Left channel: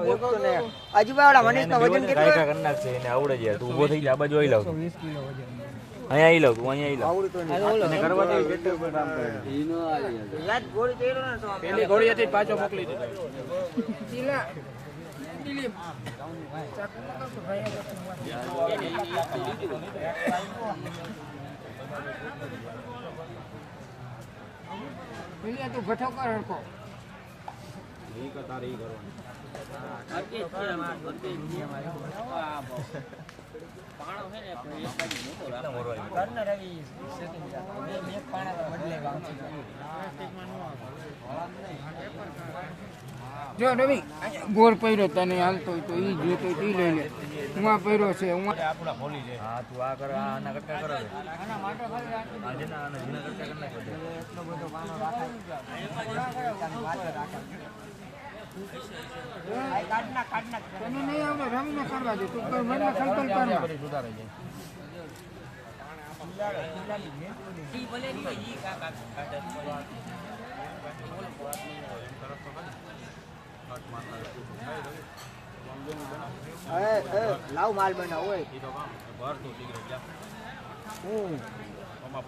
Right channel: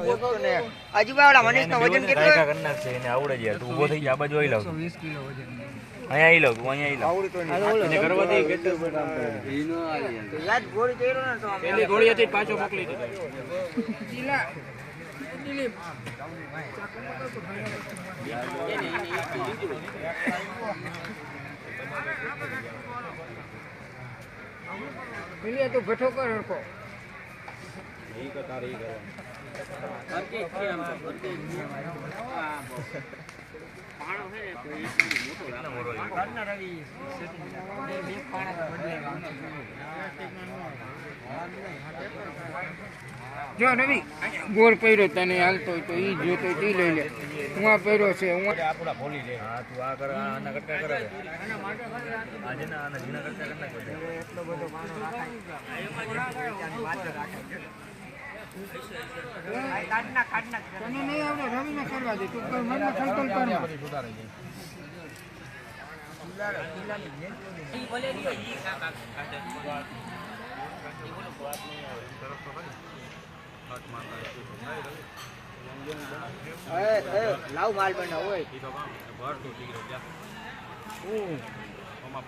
અજુબાવાળા મનીષનો વજન કેટલો કાયકા કરી નાખશે એને આવડે જ તું ઊભો થઈ જા આ બાજુ આવી લાવ 120 કિલો વજન અહીંયા આવી લાવ તું અહીંયા આવી આવડતો નહીં લાવ એને કરવા દે કેટલું કામ કરે ઈનો આલી યાદ ગોળી કર્યો ને તો પેલી ગોળી હતી પાછો મોકલી દીધો કિલા દિલીપ પેલી તો ગઠો કર હરકો ઈ કે તારે ઈ કરવાનું અરકે છે આમ અરકે નિયમ આવ્યો પાણો છે ને ઘરના રવિ સેટિંગ બે પાણા બદલાય જો રવિ ગોળ પહેર્યો તને હાલતો તો ઈ જોતો ઈ લઈ લે હું આ પહેર્યો છે હું આપડા બોલી લે હા તું આ કર આના કરતા કરે આના માટે આજે ના આના જીના કરતા કર નાખ એટલો બધો પાણો રાખે તને નહીં આવડે રવિને કરવા દે તું કર મને સંકલ્પ કરમાં સુધારે છે લાવ માલ બનાવ હોય ઈ તો કામ ભર તો તીરે જા હું ઓમાં